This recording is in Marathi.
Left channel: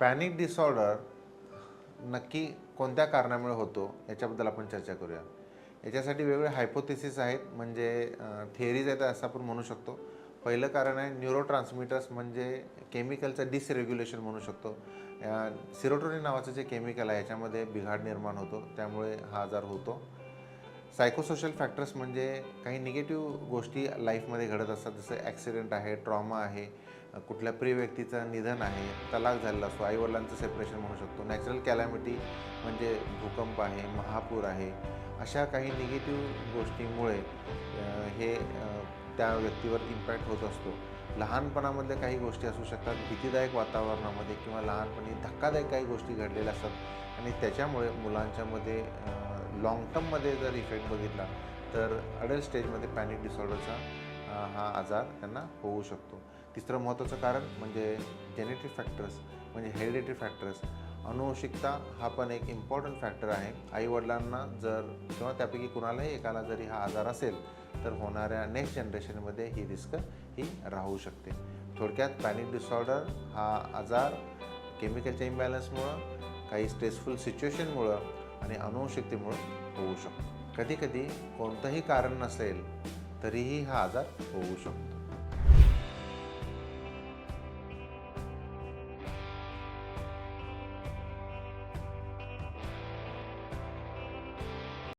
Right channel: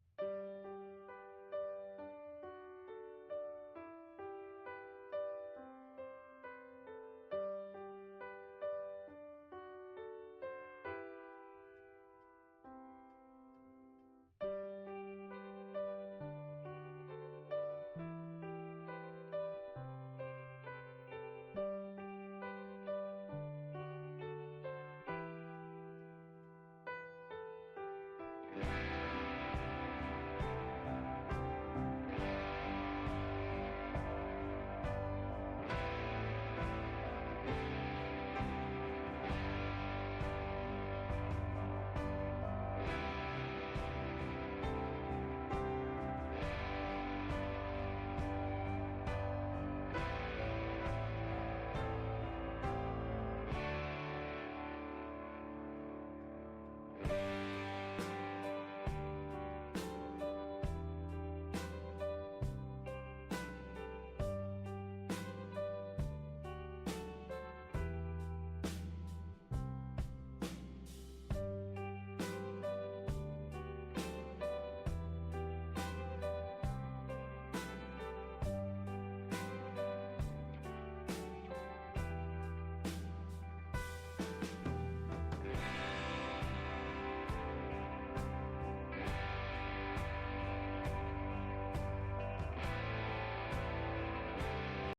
पॅनिक डिसऑर्डर नक्की कोणत्या कारणामुळे होतो याच्याबद्दल आपण चर्चा करूया. याच्यासाठी वेगवेगळे हायपोथेसिस आहेत, म्हणजे थिअरीज आहेत असं आपण म्हणू शकतो. पहिलं कारण आहे न्यूरोट्रान्समीटर्स, म्हणजे केमिकलचं डिसरेग्युलेशन म्हणू शकतो. सिरोटोनिन नावाचं जे केमिकल आहे याच्यामध्ये बिघाड निर्माण होतो, त्यामुळे हा आजार होतो. सायकोसोशल फॅक्टर्स म्हणजे काही निगेटिव्ह गोष्टी लाईफमध्ये घडत असतात, जसं ॲक्सिडेंट आहे, ट्रॉमा आहे, कुठल्या प्रिय व्यक्तीचं निधन आहे, तलाक झालेला असतो, आईवडिलांचं सेपरेशन होऊ शकतो, नॅचरल कॅलॅमिटी म्हणजे भूकंप आहे, महापूर आहे. अशा काही निगेटिव्ह गोष्टींमुळे त्या व्यक्तीवर इम्पॅक्ट होत असतो. लहानपणामध्ये काही गोष्टी असू शकतात, भीतीदायक वातावरणामध्ये किंवा लहानपणी धक्कादायक काही गोष्टी घडलेल्या असतात आणि त्याच्यामुळे मुलांच्यामध्ये लाँग टर्ममध्ये जर इफेक्ट बघितला तर अडल्ट स्टेजमध्ये पॅनिक डिसऑर्डरचा हा आजार त्यांना होऊ शकतो. तिसरं महत्त्वाचं कारण म्हणजे जेनेटिक फॅक्टर्स, म्हणजे हेरिडिटरी फॅक्टर्स. अनुवंशिकता हा पण एक इम्पॉर्टंट फॅक्टर आहे. आईवडिलांना जर किंवा त्यापैकी कुणालाही एकाला जरी हा आजार असेल तर होणाऱ्या नेक्स्ट जनरेशनमध्ये ही रिस्क ही राहू शकते. थोडक्यात पॅनिक डिसऑर्डर हा आजार केमिकलच्या इम्बॅलन्समुळं, काही स्ट्रेसफुल सिच्युएशनमुळं आणि अनुवंशिकतेमुळे होऊ शकतो. कधीकधी कोणतंही कारण नसेल तरीही हा आजार होऊ शकतो.